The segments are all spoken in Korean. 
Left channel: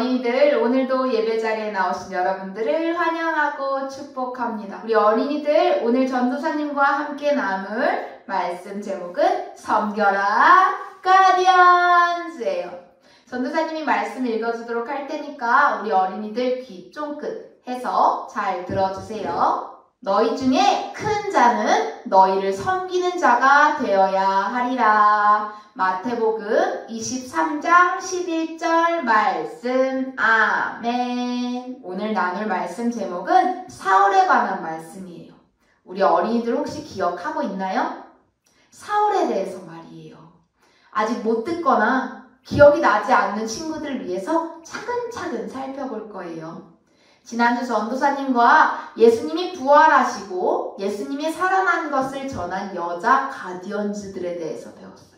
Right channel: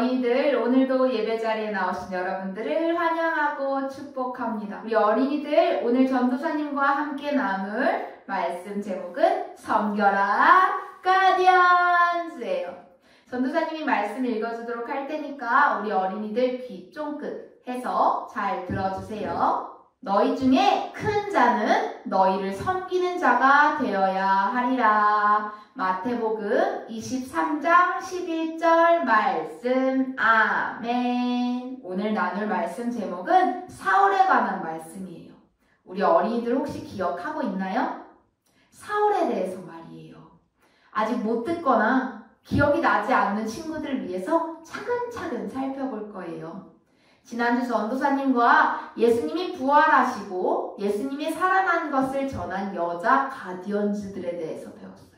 어린이들, 오늘도 예배 자리에 나오신 여러분들을 환영하고 축복합니다. 우리 어린이들, 오늘 전도사님과 함께 나눌 말씀 제목은 섬겨라 가디언즈예요. 전도사님이 말씀 읽어주도록 할 테니까 우리 어린이들 귀 쫑긋 해서 잘 들어주세요. 너희 중에 큰 자는 너희를 섬기는 자가 되어야 하리라. 마태복음 23장 11절 말씀. 아멘. 오늘 나눌 말씀 제목은 사울에 관한 말씀이에요. 우리 어린이들 혹시 기억하고 있나요? 사울에 대해서 말이에요. 아직 못 듣거나 기억이 나지 않는 친구들 위해서 차근차근 살펴볼 거예요. 지난주 전도사님과 예수님이 부활하시고 예수님이 살아난 것을 전한 여자 가디언즈들에 대해서 배웠어요.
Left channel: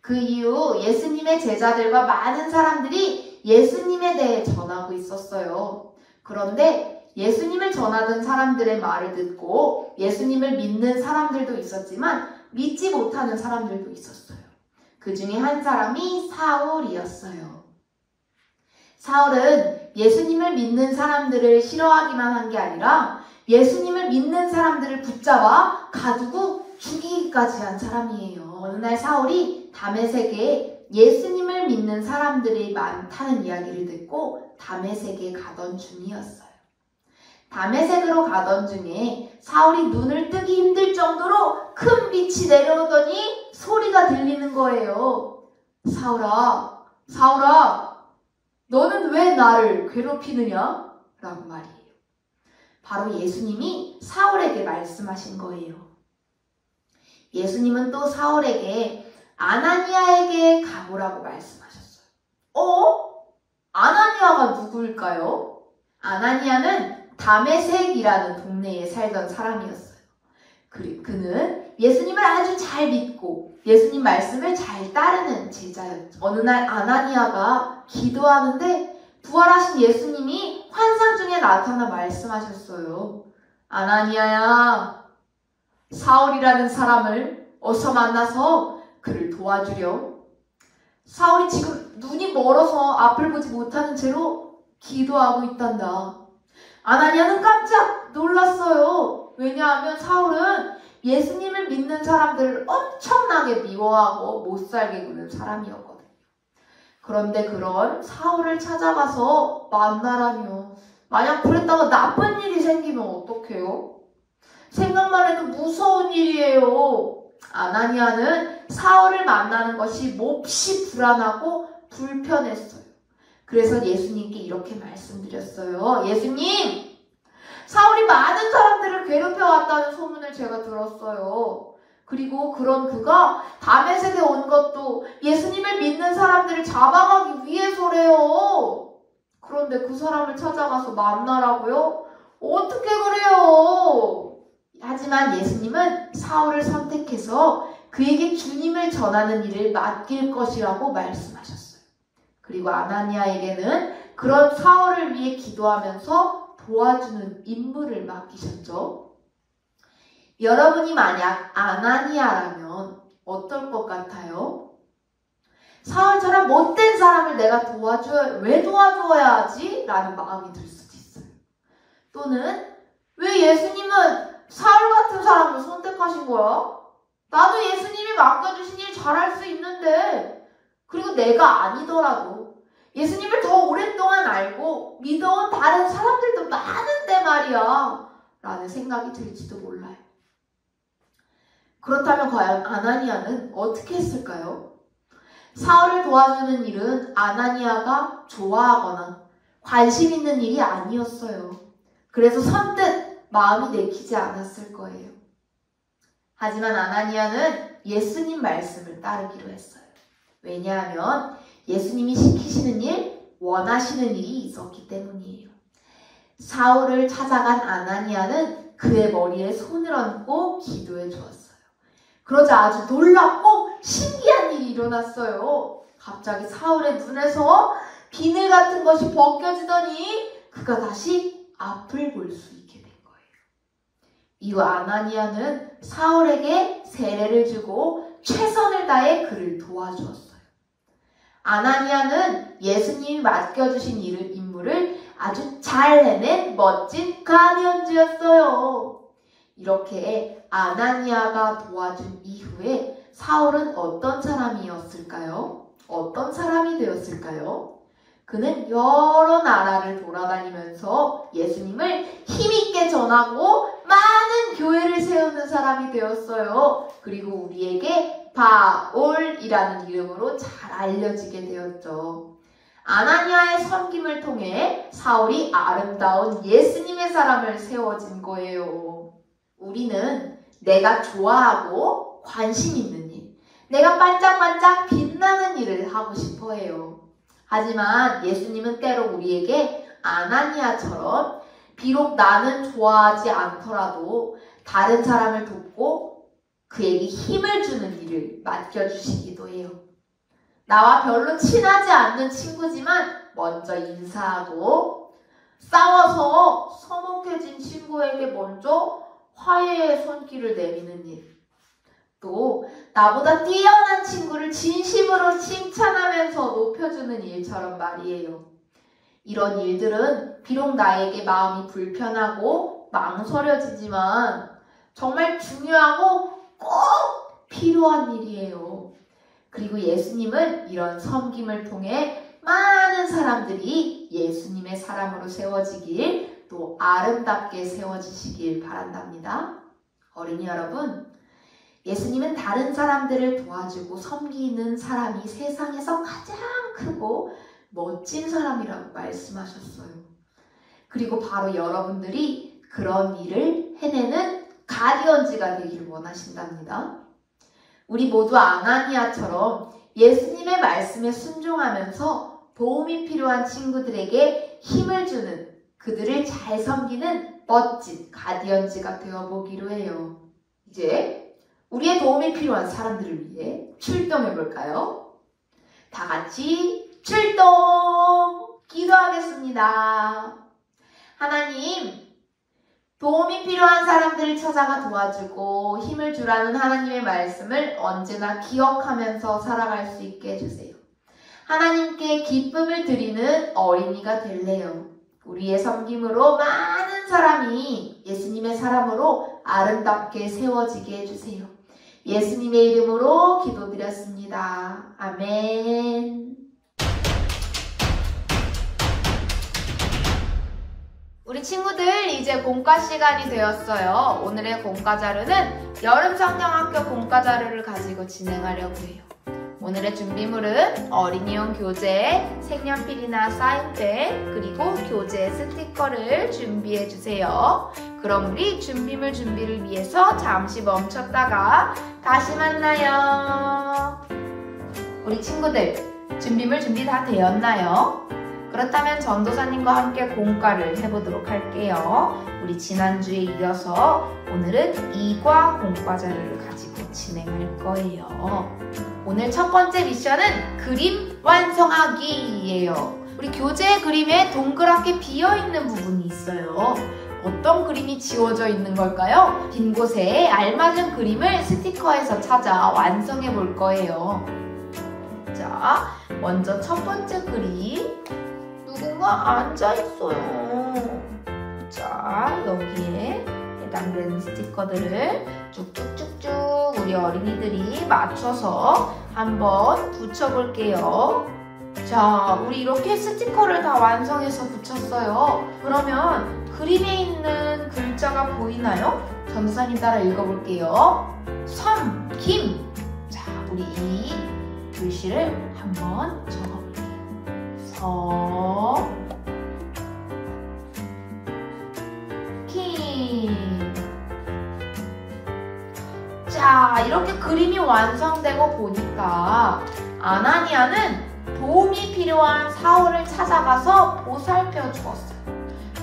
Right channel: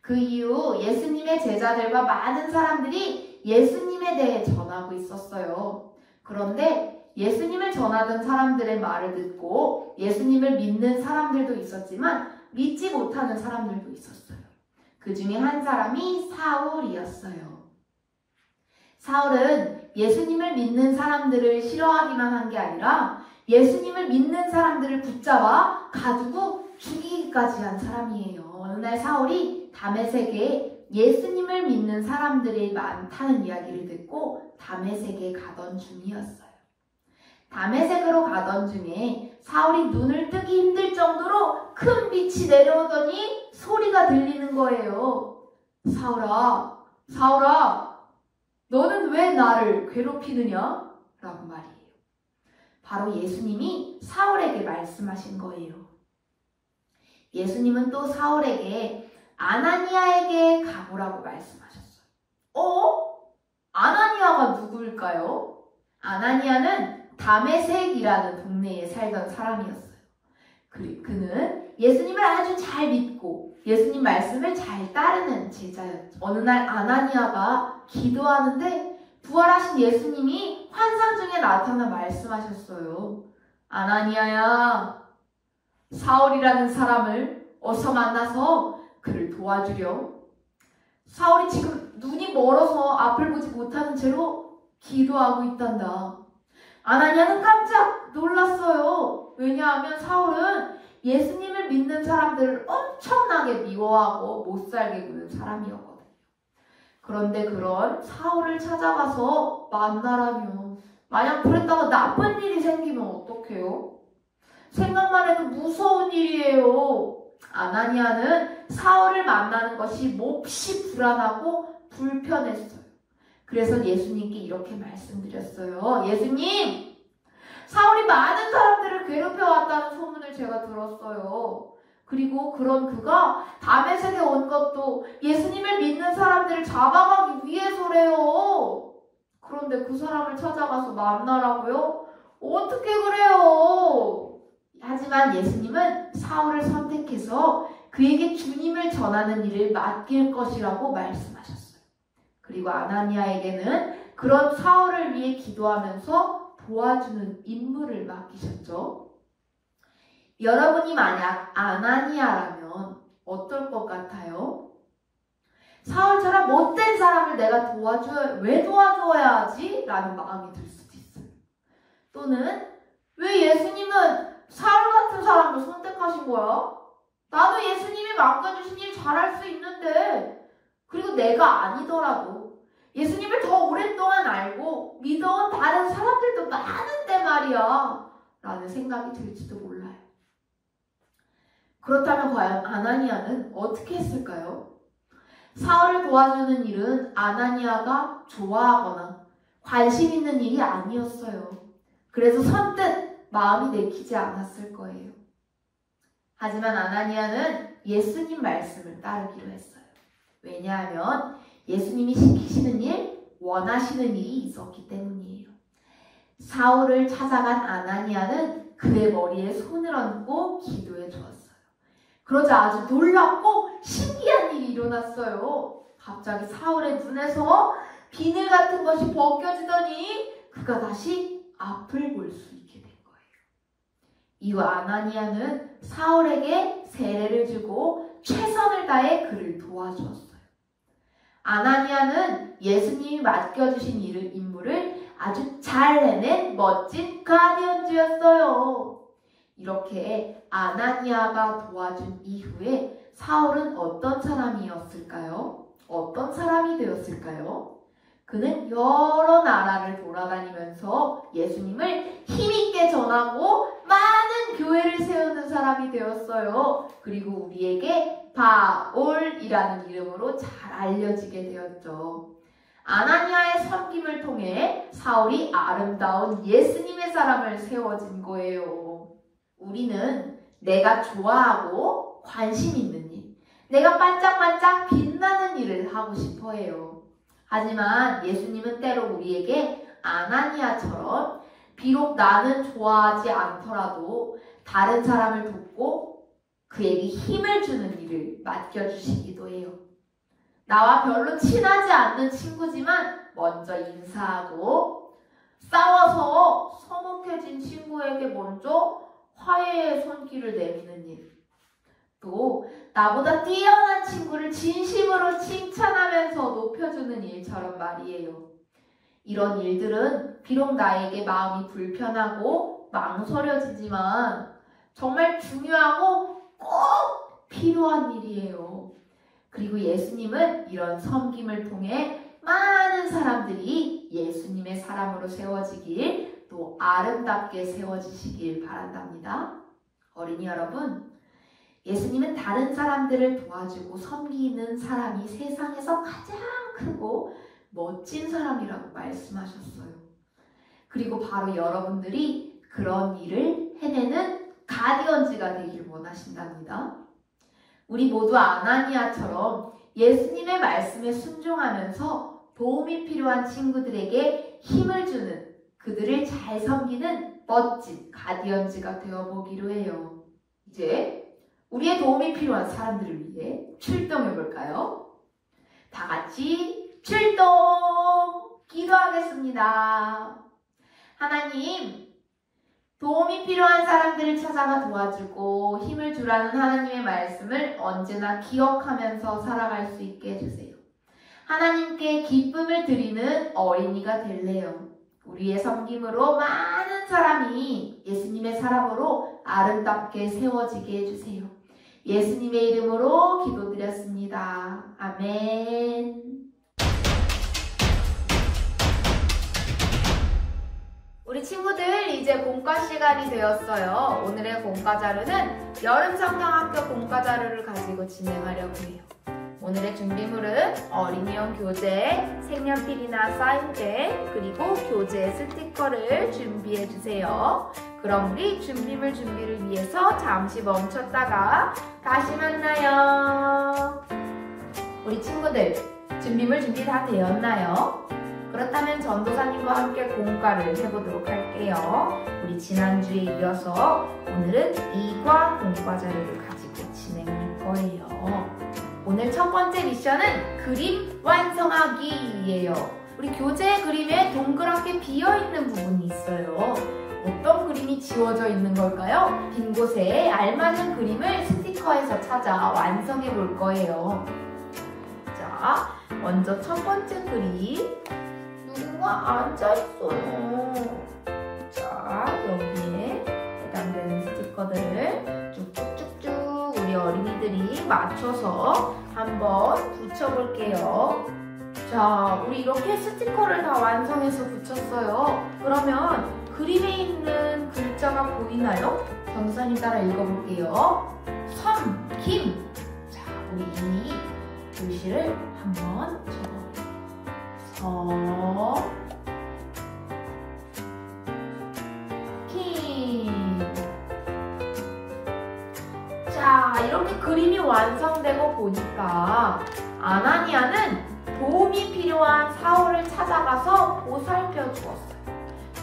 그 이후 예수님의 제자들과 많은 사람들이 예수님에 대해 전하고 있었어요. 그런데 예수님을 전하던 사람들의 말을 듣고 예수님을 믿는 사람들도 있었지만 믿지 못하는 사람들도 있었어요. 그 중에 한 사람이 사울이었어요. 사울은 예수님을 믿는 사람들을 싫어하기만 한 게 아니라 예수님을 믿는 사람들을 붙잡아 가두고 죽이기까지 한 사람이에요. 어느 날 사울이 다메섹에 예수님을 믿는 사람들이 많다는 이야기를 듣고 다메섹에 가던 중이었어요. 다메섹으로 가던 중에 사울이 눈을 뜨기 힘들 정도로 큰 빛이 내려오더니 소리가 들리는 거예요. 사울아, 사울아, 너는 왜 나를 괴롭히느냐? 라고 말이에요. 바로 예수님이 사울에게 말씀하신 거예요. 예수님은 또 사울에게 아나니아에게 가보라고 말씀하셨어요. 아나니아가 누구일까요? 아나니아는 다메섹이라는 동네에 살던 사람이었어요. 그는 예수님을 아주 잘 믿고 예수님 말씀을 잘 따르는 제자였죠. 어느 날 아나니아가 기도하는데 부활하신 예수님이 환상 중에 나타나 말씀하셨어요. 아나니아야, 사울이라는 사람을 어서 만나서 그를 도와주렴. 사울이 지금 눈이 멀어서 앞을 보지 못하는 채로 기도하고 있단다. 아나니아는 깜짝 놀랐어요. 왜냐하면 사울은 예수님을 믿는 사람들을 엄청나게 미워하고 못살게 구는 사람이었거든요. 그런데 그런 사울을 찾아가서 만나라니요. 만약 그랬다고 나쁜 일이 생기면 어떡해요? 생각만 해도 무서운 일이에요. 아나니아는 사울을 만나는 것이 몹시 불안하고 불편했어요. 그래서 예수님께 이렇게 말씀드렸어요. 예수님, 사울이 많은 사람들을 괴롭혀왔다는 소문을 제가 들었어요. 그리고 그런 그가 다메섹에 온 것도 예수님을 믿는 사람들을 잡아가기 위해서래요. 그런데 그 사람을 찾아가서 만나라고요? 어떻게 그래요? 하지만 예수님은 사울을 선택해서 그에게 주님을 전하는 일을 맡길 것이라고 말씀하셨어요. 그리고 아나니아에게는 그런 사울을 위해 기도하면서 도와주는 임무를 맡기셨죠. 여러분이 만약 아나니아라면 어떨 것 같아요? 사울처럼 못된 사람을 내가 왜 도와줘야 하지? 라는 마음이 들 수도 있어요. 또는 왜 예수님은 사울 같은 사람을 선택하신 거야? 나도 예수님이 맡겨주신 일 잘할 수 있는데, 그리고 내가 아니더라도 예수님을 더 오랫동안 알고 믿어온 다른 사람들도 많은데 말이야 라는 생각이 들지도 몰라요. 그렇다면 과연 아나니아는 어떻게 했을까요? 사울을 도와주는 일은 아나니아가 좋아하거나 관심 있는 일이 아니었어요. 그래서 선뜻 마음이 내키지 않았을 거예요. 하지만 아나니아는 예수님 말씀을 따르기로 했어요. 왜냐하면 예수님이 시키시는 일, 원하시는 일이 있었기 때문이에요. 사울을 찾아간 아나니아는 그의 머리에 손을 얹고 기도해 주었어요. 그러자 아주 놀랍고 신기한 일이 일어났어요. 갑자기 사울의 눈에서 비늘 같은 것이 벗겨지더니 그가 다시 앞을 볼 수 있게 된 거예요. 이후 아나니아는 사울에게 세례를 주고 최선을 다해 그를 도와주었어요. 아나니아는 예수님이 맡겨주신 임무를 아주 잘 해낸 멋진 가디언즈였어요. 이렇게 아나니아가 도와준 이후에 사울은 어떤 사람이었을까요? 어떤 사람이 되었을까요? 그는 여러 나라를 돌아다니면서 예수님을 힘있게 전하고 많은 교회를 세우는 사람이 되었어요. 그리고 우리에게 바울이라는 이름으로 잘 알려지게 되었죠. 아나니아의 섬김을 통해 사울이 아름다운 예수님의 사람을 세워진 거예요. 우리는 내가 좋아하고 관심 있는 일, 내가 반짝반짝 빛나는 일을 하고 싶어 해요. 하지만 예수님은 때로 우리에게 아나니아처럼 비록 나는 좋아하지 않더라도 다른 사람을 돕고 그에게 힘을 주는 일을 맡겨주시기도 해요. 나와 별로 친하지 않는 친구지만 먼저 인사하고 싸워서 서먹해진 친구에게 먼저 화해의 손길을 내미는 일, 또 나보다 뛰어난 친구를 진심으로 칭찬하면서 높여주는 일처럼 말이에요. 이런 일들은 비록 나에게 마음이 불편하고 망설여지지만 정말 중요하고 꼭 필요한 일이에요. 그리고 예수님은 이런 섬김을 통해 많은 사람들이 예수님의 사람으로 세워지길, 또 아름답게 세워지시길 바란답니다. 어린이 여러분, 예수님은 다른 사람들을 도와주고 섬기는 사람이 세상에서 가장 크고 멋진 사람이라고 말씀하셨어요. 그리고 바로 여러분들이 그런 일을 해내는 가디언즈가 되기를 원하신답니다. 우리 모두 아나니아처럼 예수님의 말씀에 순종하면서 도움이 필요한 친구들에게 힘을 주는, 그들을 잘 섬기는 멋진 가디언즈가 되어보기로 해요. 이제 우리의 도움이 필요한 사람들을 위해 출동해 볼까요? 다 같이 출동! 기도하겠습니다. 하나님, 도움이 필요한 사람들을 찾아가 도와주고 힘을 주라는 하나님의 말씀을 언제나 기억하면서 살아갈 수 있게 해주세요. 하나님께 기쁨을 드리는 어린이가 될래요. 우리의 섬김으로 많은 사람이 예수님의 사람으로 아름답게 세워지게 해주세요. 예수님의 이름으로 기도드렸습니다. 아멘. 우리 친구들, 이제 공과 시간이 되었어요. 오늘의 공과 자료는 여름성경학교 공과 자료를 가지고 진행하려고 해요. 오늘의 준비물은 어린이용 교재, 색연필이나 사인펜, 그리고 교재 스티커를 준비해주세요. 그럼 우리 준비물 준비를 위해서 잠시 멈췄다가 다시 만나요. 우리 친구들, 준비물 준비 다 되었나요? 그렇다면 전도사님과 함께 공과를 해보도록 할게요. 우리 지난주에 이어서 오늘은 2과 공과 자료를 가지고 진행할 거예요. 오늘 첫 번째 미션은 그림 완성하기예요. 우리 교재 그림에 동그랗게 비어있는 부분이 있어요. 어떤 그림이 지워져 있는 걸까요? 빈 곳에 알맞은 그림을 스티커에서 찾아 완성해 볼 거예요. 자, 먼저 첫 번째 그림. 누군가 앉아있어요. 자, 여기에 해당되는 스티커들을 쭉쭉쭉쭉 우리 어린이들이 맞춰서 한번 붙여볼게요. 자, 우리 이렇게 스티커를 다 완성해서 붙였어요. 그러면 그림에 있는 글자가 보이나요? 전도사님 따라 읽어볼게요. 섬김. 자, 우리 이 글씨를 한번 자, 이렇게 그림이 완성되고 보니까 아나니아는 도움이 필요한 사울을 찾아가서 보살펴 주었어요.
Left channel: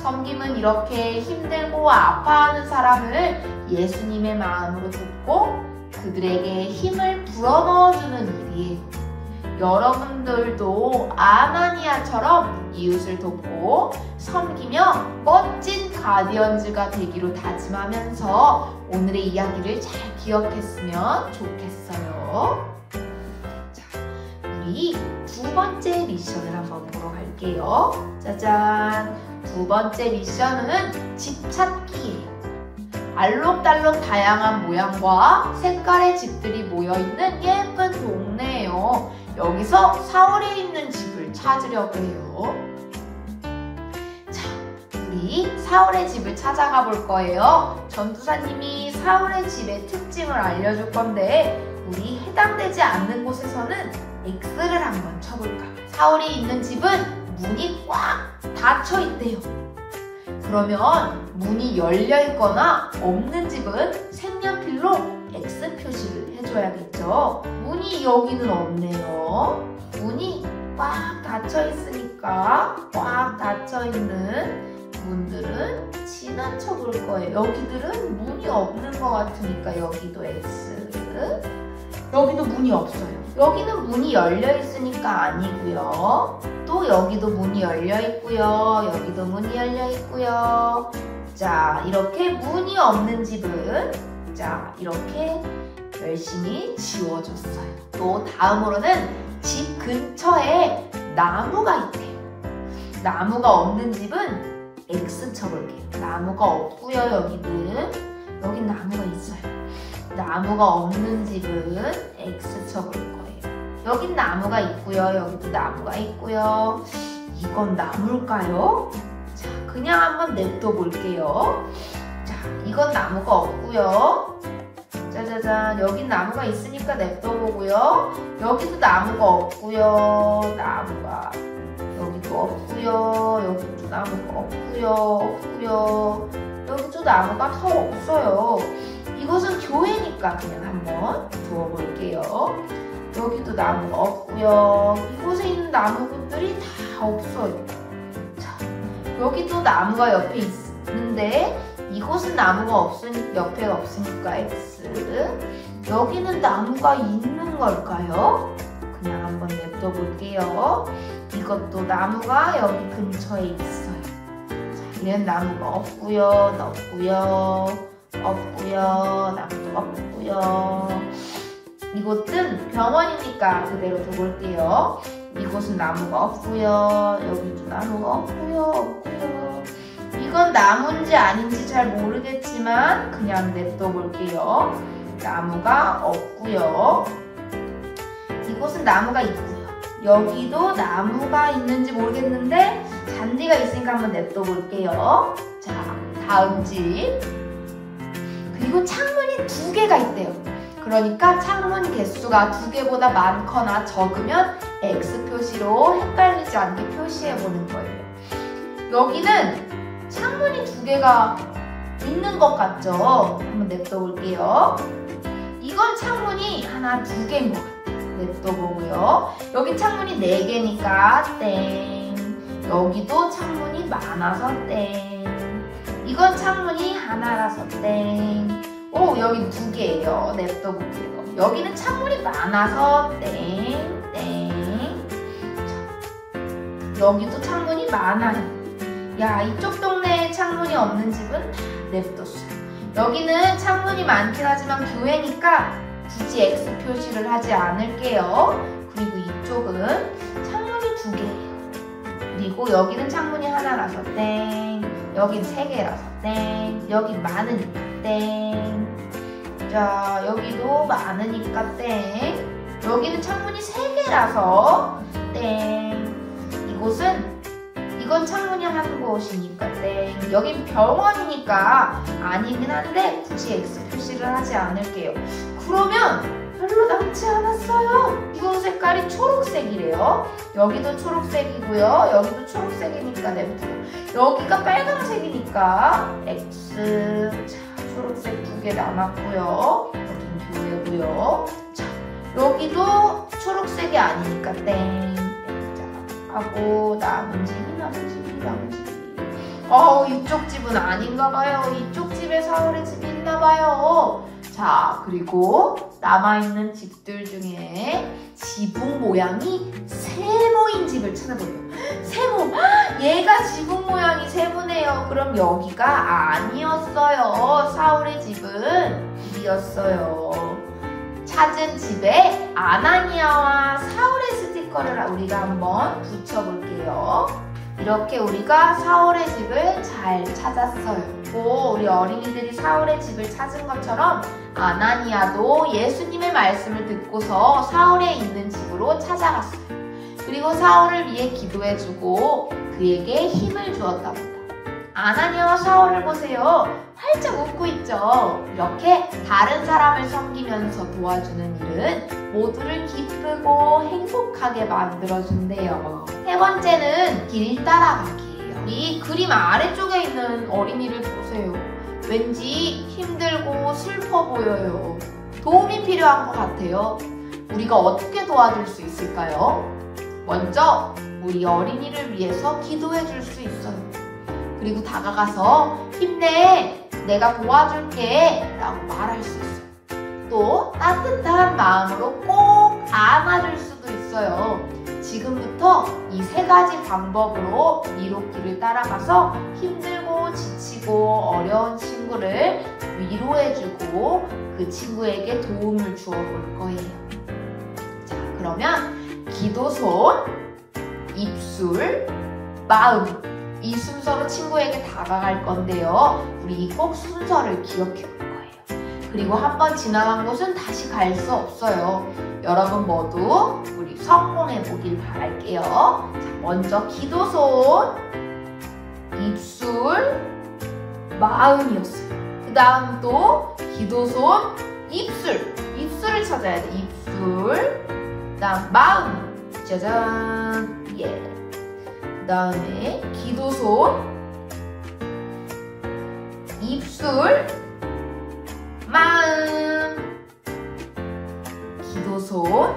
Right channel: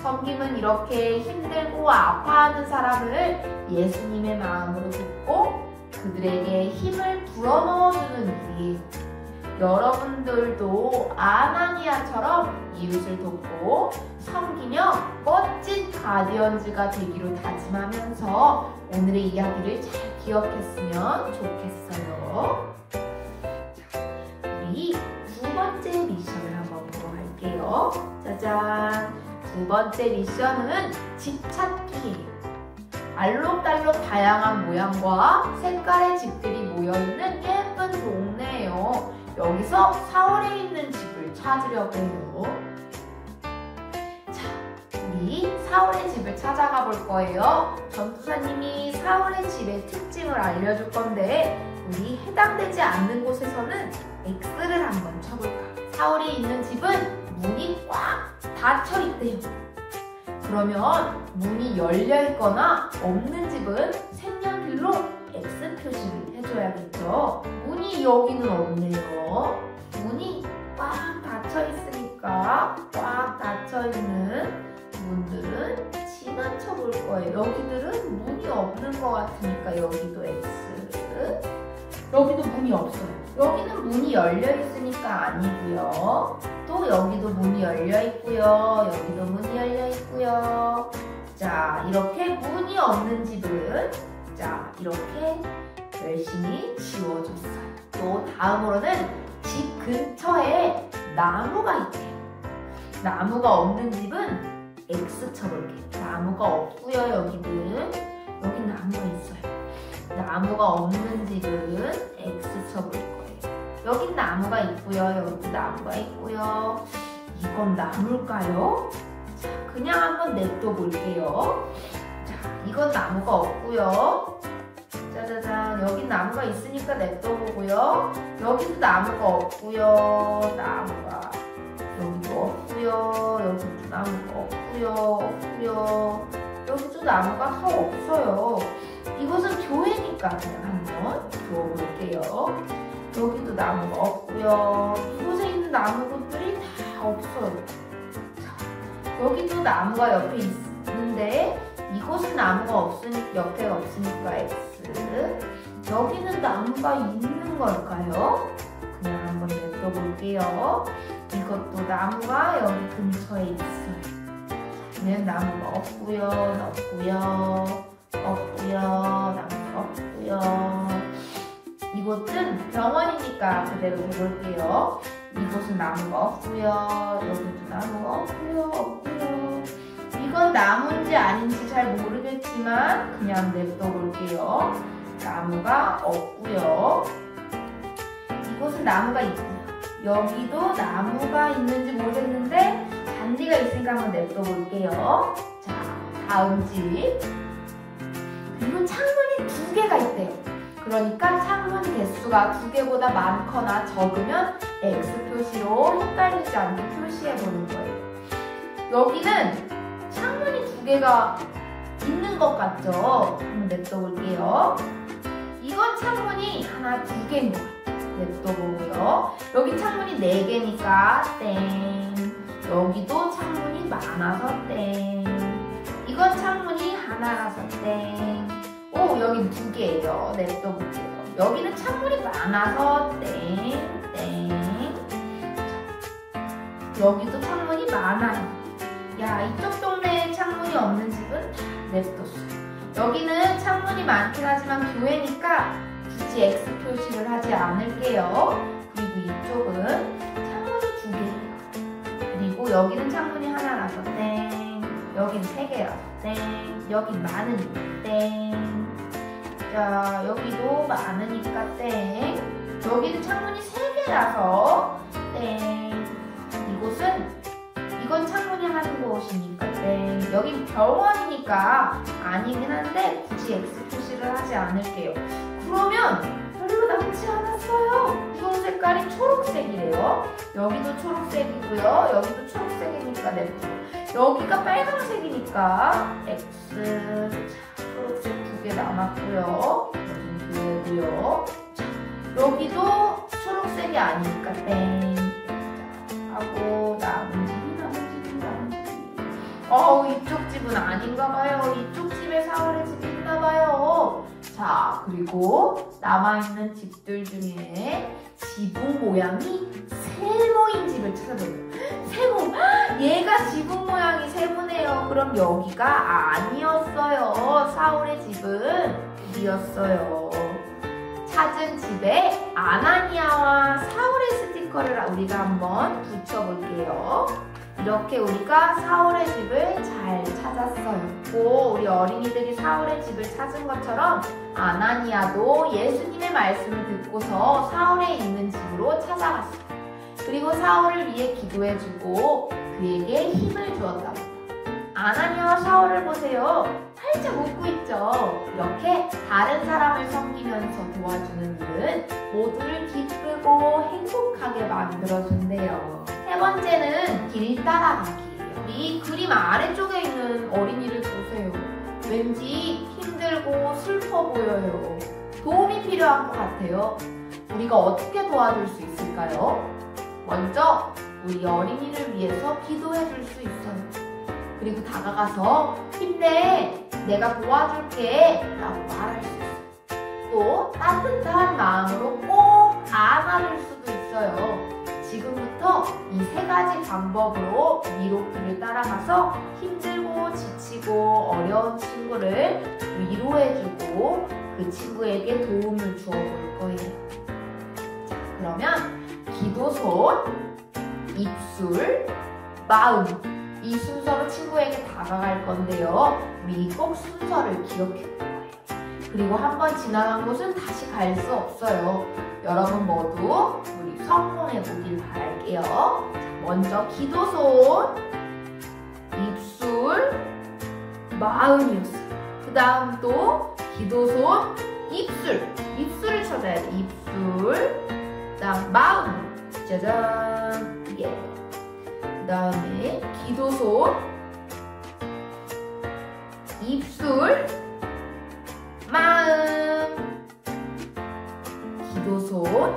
섬김은 이렇게 힘들고 아파하는 사람을 예수님의 마음으로 돕고 그들에게 힘을 불어넣어주는 일이에요. 여러분들도 아나니아처럼 이웃을 돕고 섬기며 멋진 가디언즈가 되기로 다짐하면서 오늘의 이야기를 잘 기억했으면 좋겠어요. 자, 우리 두 번째 미션을 한번 보러 갈게요. 짜잔! 두 번째 미션은 집 찾기예요. 알록달록 다양한 모양과 색깔의 집들이 모여있는 예쁜 동네예요. 여기서 사월에 있는 집을 찾으려고 해요. 자, 우리 사월의 집을 찾아가 볼 거예요. 전도사님이 사월의 집의 특징을 알려줄 건데 우리 해당되지 않는 곳에서는 X를 한번 쳐볼까요? 사월이 있는 집은 문이 꽉 닫혀 있대요. 그러면 문이 열려 있거나 없는 집은 색연필로 X 표시를 해줘야겠죠. 문이 여기는 없네요. 문이 꽉 닫혀 있으니까 꽉 닫혀 있는 문들은 지나쳐 볼 거예요. 여기들은 문이 없는 것 같으니까 여기도 X. 여기도 문이 없어요. 여기는 문이 열려 있으니까 아니고요. 또 여기도 문이 열려 있고요. 여기도 문이 열려 있고요. 자, 이렇게 문이 없는 집은 자, 이렇게 열심히 지워줬어요. 또 다음으로는 집 근처에 나무가 있대요. 나무가 없는 집은 X 쳐볼게요. 나무가 없고요. 여기는 여긴 나무가 있어요. 나무가 없는 집은 X 쳐볼 거예요. 여긴 나무가 있고요. 여기도 나무가 있고요. 이건 나무일까요? 자, 그냥 한번 냅둬 볼게요. 자, 이건 나무가 없고요. 짜자잔, 여긴 나무가 있으니까 냅둬 보고요. 여기도 나무가 없고요. 나무가 여기도 없고요. 여기도 나무가 없고요. 여기도 나무가 더 없어요. 이곳은 교회니까 그냥 한번 두어볼게요. 여기도 나무가 없고요. 이곳에 있는 나무들이 다 없어요. 자, 여기도 나무가 옆에 있는데 이곳은 나무가 옆에 없으니까 X. 여기는 나무가 있는 걸까요? 그냥 한번 냅둬 볼게요. 이것도 나무가 여기 근처에 있어요. 자, 얘는 나무가 없고요. 나무도 없고요. 이곳은 병원이니까 그대로 둬볼게요. 이곳은 나무가 없고요. 여기도 나무가 없고요. 이건 나무인지 아닌지 잘 모르겠지만 그냥 냅둬 볼게요. 나무가 없고요. 이곳은 나무가 있고요. 여기도 나무가 있는지 모르겠는데 잔디가 있으니까 한번 냅둬 볼게요. 자, 다음 집. 그리고 창문이 2개가 있대요. 그러니까 창문 개수가 2개보다 많거나 적으면 X 표시로 헷갈리지 않게 표시해 보는 거예요. 여기는 창문이 2개가 있는 것 같죠? 한번 냅둬 볼게요. 이건 창문이 하나, 2개인 것 같아요. 냅둬 보고요. 여기 창문이 4개니까 땡. 여기도 창문이 많아서 땡. 이건 창문이 하나라서 땡. 오, 여기 2개예요. 냅둬 볼게요. 여기는 창문이 많아서 땡. 여기도 창문이 많아요. 야, 이쪽 동네에 창문이 없는 집은 다 냅뒀어요. 여기는 창문이 많긴 하지만 교회니까 굳이 X 표시를 하지 않을게요. 그리고 이쪽은 창문이 2개예요. 그리고 여기는 창문이 하나라서 땡. 여긴 3개라서 땡. 여긴 많으니까 땡. 자, 여기도 많으니까 땡. 여기는 창문이 3개라서 땡. 이건 창문이 한 곳이니까 땡. 여긴 병원이니까 아니긴 한데 굳이 X 표시를 하지 않을게요. 그러면 별로 남지 않았어요. 이건 색깔이 초록색이래요. 여기도 초록색이고요. 여기도 초록색이니까 냅두고. 여기가 빨간색이니까 X. 자, 초록색 2개 남았고요. 여긴 교회고요. 자, 여기도 초록색이 아니니까 땡. 자, 하고 남은 집이. 이쪽 집은 아닌가 봐요. 이쪽 집에 사월의 집이 있나 봐요. 자, 그리고 남아있는 집들 중에 지붕 모양이 세모인 집을 찾아보래요. 세모! 얘가 지붕 모양이 세모네요. 그럼 여기가 아니었어요. 사월의 집은 이었어요. 찾은 집에 아나니아와 사울의 스티커 스티커를 우리가 한번 붙여볼게요. 이렇게 우리가 사울의 집을 잘 찾았어요. 또 우리 어린이들이 사울의 집을 찾은 것처럼 아나니아도 예수님의 말씀을 듣고서 사울에 있는 집으로 찾아갔어요. 그리고 사울을 위해 기도해주고 그에게 힘을 주었답니다. 아나니아와 사울을 보세요. 활짝 웃고 있죠. 이렇게 다른 사람을 섬기면서 도와주는 일은 모두를 기쁘고 행복하게 만들어준대요. 세 번째는 길 따라가기예요. 이 그림 아래쪽에 있는 어린이를 보세요. 왠지 힘들고 슬퍼 보여요. 도움이 필요한 것 같아요. 우리가 어떻게 도와줄 수 있을까요? 먼저 우리 어린이를 위해서 기도해 줄 수 있어요. 그리고 다가가서 힘내, 내가 도와줄게 라고 말할 수 있어요. 또 따뜻한 마음으로 꼭 안아줄 수도 있어요. 지금부터 이 세 가지 방법으로 미로길을 따라가서 힘들고 지치고 어려운 친구를 위로해주고 그 친구에게 도움을 주어볼 거예요. 자, 그러면 기도손, 입술, 마음 이 순서로 친구에게 다가갈 건데요. 우리 꼭 순서를 기억해 볼 거예요. 그리고 한번 지나간 곳은 다시 갈 수 없어요. 여러분 모두 우리 성공해 보길 바랄게요. 자, 먼저 기도손, 입술, 마음이었어요. 그 다음 또 기도손, 입술을 찾아야 돼. 입술, 그 다음 마음, 짜잔, 예. 그 다음에 기도손, 입술, 마음. 기도손,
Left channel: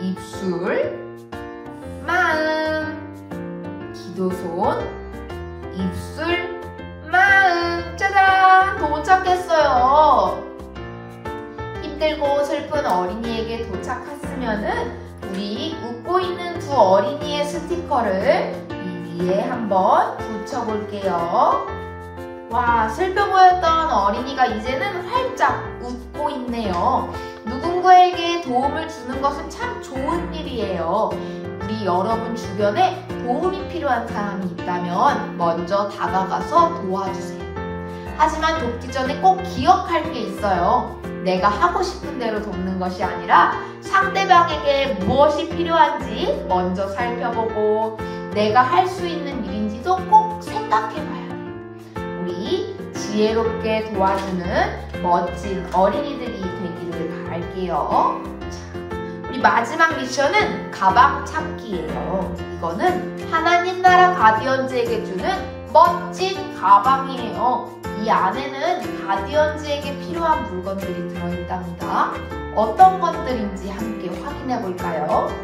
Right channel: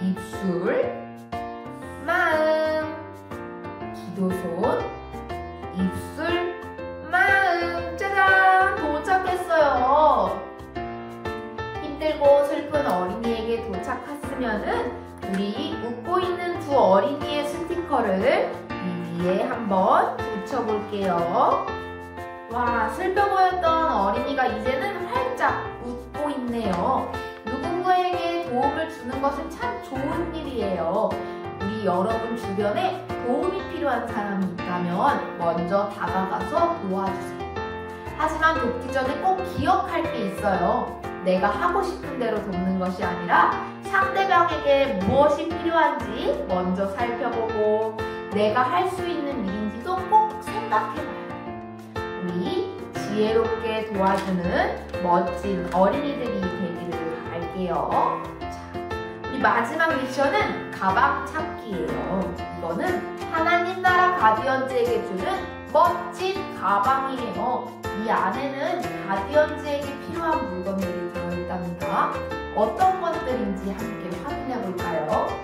입술, 마음. 기도손, 입술, 마음. 짜잔! 도착했어요. 힘들고 슬픈 어린이에게 도착했으면은 우리 웃고 있는 두 어린이의 스티커를 이 위에 한번 붙여볼게요. 와, 슬퍼 보였던 어린이가 이제는 활짝 웃고 있네요. 누군가에게 도움을 주는 것은 참 좋은 일이에요. 우리 여러분 주변에 도움이 필요한 사람이 있다면 먼저 다가가서 도와주세요. 하지만 돕기 전에 꼭 기억할 게 있어요. 내가 하고 싶은 대로 돕는 것이 아니라 상대방에게 무엇이 필요한지 먼저 살펴보고 내가 할 수 있는 일인지도 꼭 생각해봐야 해요. 우리 지혜롭게 도와주는 멋진 어린이들이 되기를 바랄게요. 자, 우리 마지막 미션은 가방 찾기예요. 이거는 하나님 나라 가디언즈에게 주는 멋진 가방이에요. 이 안에는 가디언즈에게 필요한 물건들이 들어있답니다. 어떤 것들인지 함께 확인해 볼까요?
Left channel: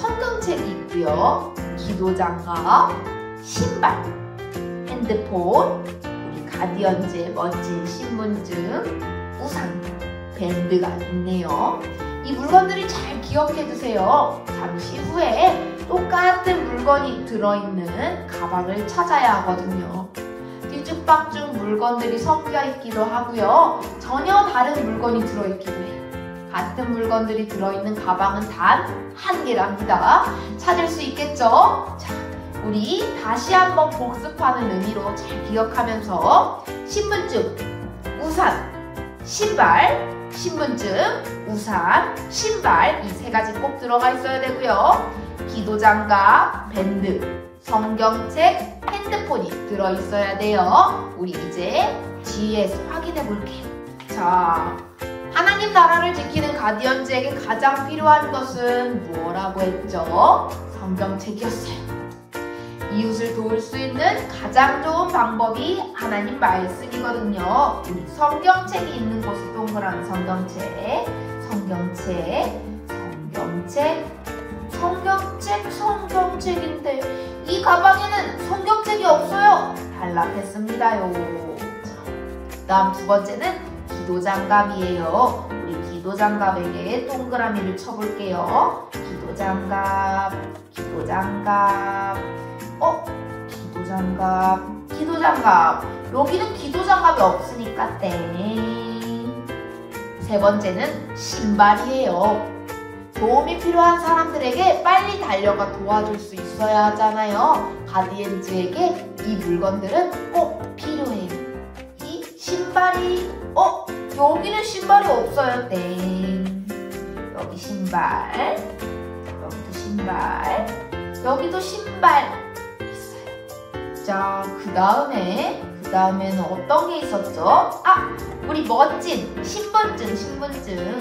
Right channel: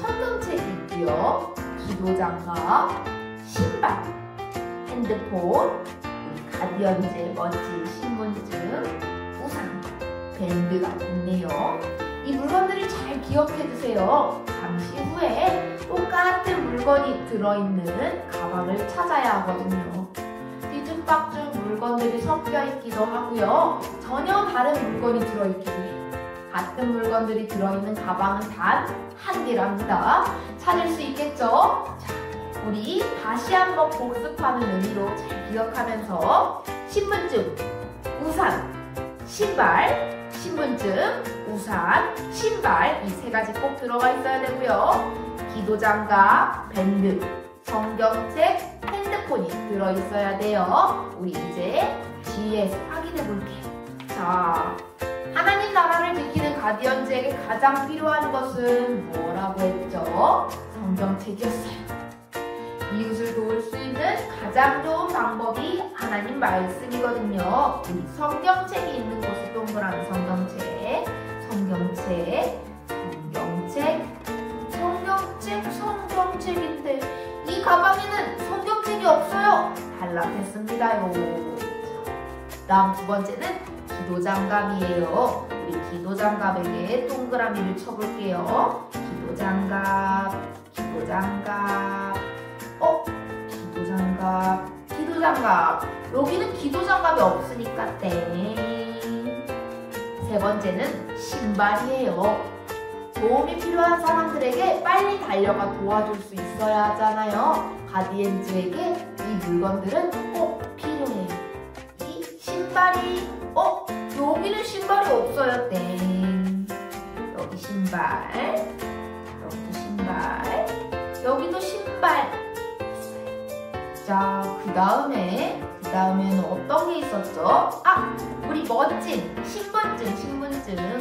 성경책이 있고요. 기도장갑, 신발, 핸드폰, 우리 가디언즈의 멋진 신분증, 우산, 밴드가 있네요. 이 물건들을 잘 기억해 두세요. 잠시 후에 똑같은 물건이 들어있는 가방을 찾아야 하거든요. 뒤죽박죽 물건들이 섞여 있기도 하고요. 전혀 다른 물건이 들어있기도 해요. 같은 물건들이 들어있는 가방은 단 한 개랍니다. 찾을 수 있겠죠? 자, 우리 다시 한번 복습하는 의미로 잘 기억하면서 신분증, 우산, 신발, 신분증, 우산, 신발 이 세 가지 꼭 들어가 있어야 되고요. 기도장갑, 밴드, 성경책, 핸드폰이 들어있어야 돼요. 우리 이제 뒤에서 확인해 볼게요. 자, 하나님 나라를 지키는 가디언즈에게 가장 필요한 것은 뭐라고 했죠? 성경책이었어요. 이웃을 도울 수 있는 가장 좋은 방법이 하나님 말씀이거든요. 우리 성경책이 있는 곳에 동그라미 성경책, 성경책, 성경책, 성경책, 성경책인데 이 가방에는 성경책이 없어요. 탈락했습니다요. 다음 두 번째는 기도장갑이에요. 우리 기도장갑에게 동그라미를 쳐볼게요. 기도장갑, 기도장갑, 기도장갑, 기도장갑. 여기는 기도장갑이 없으니까 땡. 세 번째는 신발이에요. 도움이 필요한 사람들에게 빨리 달려가 도와줄 수 있어야 하잖아요. 가디언즈에게 이 물건들은 꼭 필요해요. 이 신발이 여기는 신발이 없어요. 땡. 여기 신발, 여기도 신발, 여기도 신발 있어요. 자, 그 다음에는 어떤 게 있었죠? 우리 멋진 신분증을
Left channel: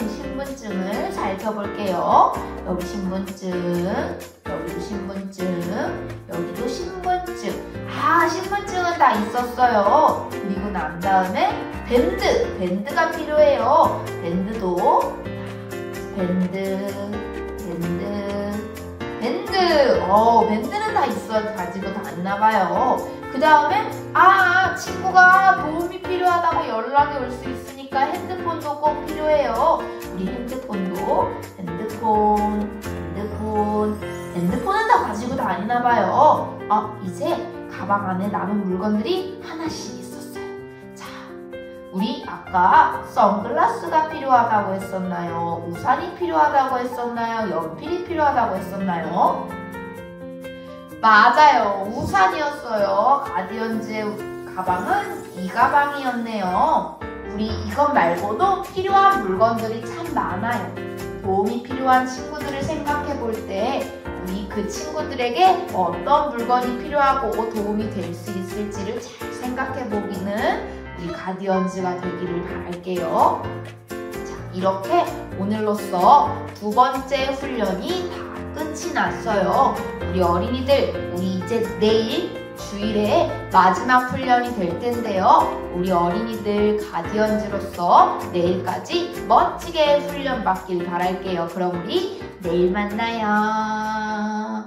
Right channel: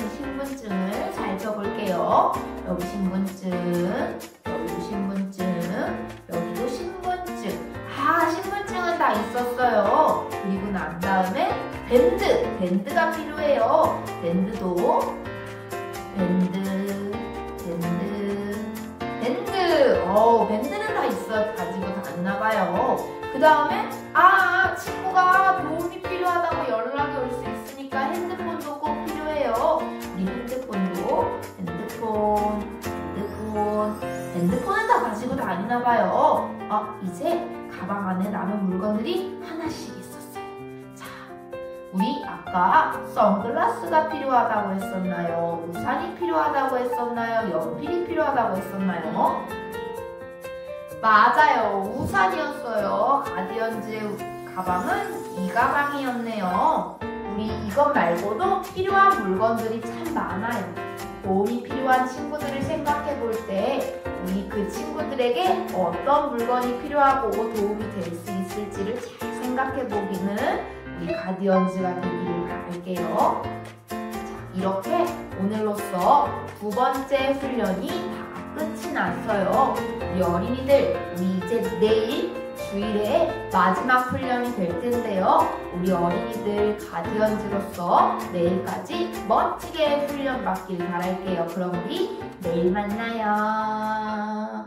살펴볼게요. 여기 신분증, 여기도 신분증, 여기도 신분증. 신분증은 다 있었어요. 그리고 난 다음에 밴드가 필요해요. 밴드는 다 있어요. 가지고 다니나봐요. 그 다음에 친구가 도움이 필요하다고 연락이 올 수 있으니까 핸드폰도 꼭 필요해요. 우리 핸드폰은 다 가지고 다니나봐요. 이제 가방 안에 남은 물건들이 하나씩 있었어요. 자, 우리 아까 선글라스가 필요하다고 했었나요? 우산이 필요하다고 했었나요? 연필이 필요하다고 했었나요? 맞아요. 우산이었어요. 가디언즈의 가방은 이 가방이었네요. 우리 이것 말고도 필요한 물건들이 참 많아요. 도움이 필요한 친구들을 생각해 볼 때 우리 그 친구들에게 어떤 물건이 필요하고 도움이 될 수 있을지를 잘 생각해 보기는 우리 가디언즈가 되기를 바랄게요. 자, 이렇게 오늘로써 두 번째 훈련이 다 끝이 났어요. 우리 어린이들, 우리 이제 내일 주일에 마지막 훈련이 될 텐데요. 우리 어린이들 가디언즈로서 내일까지 멋지게 훈련 받길 바랄게요. 그럼 우리 내일 만나요.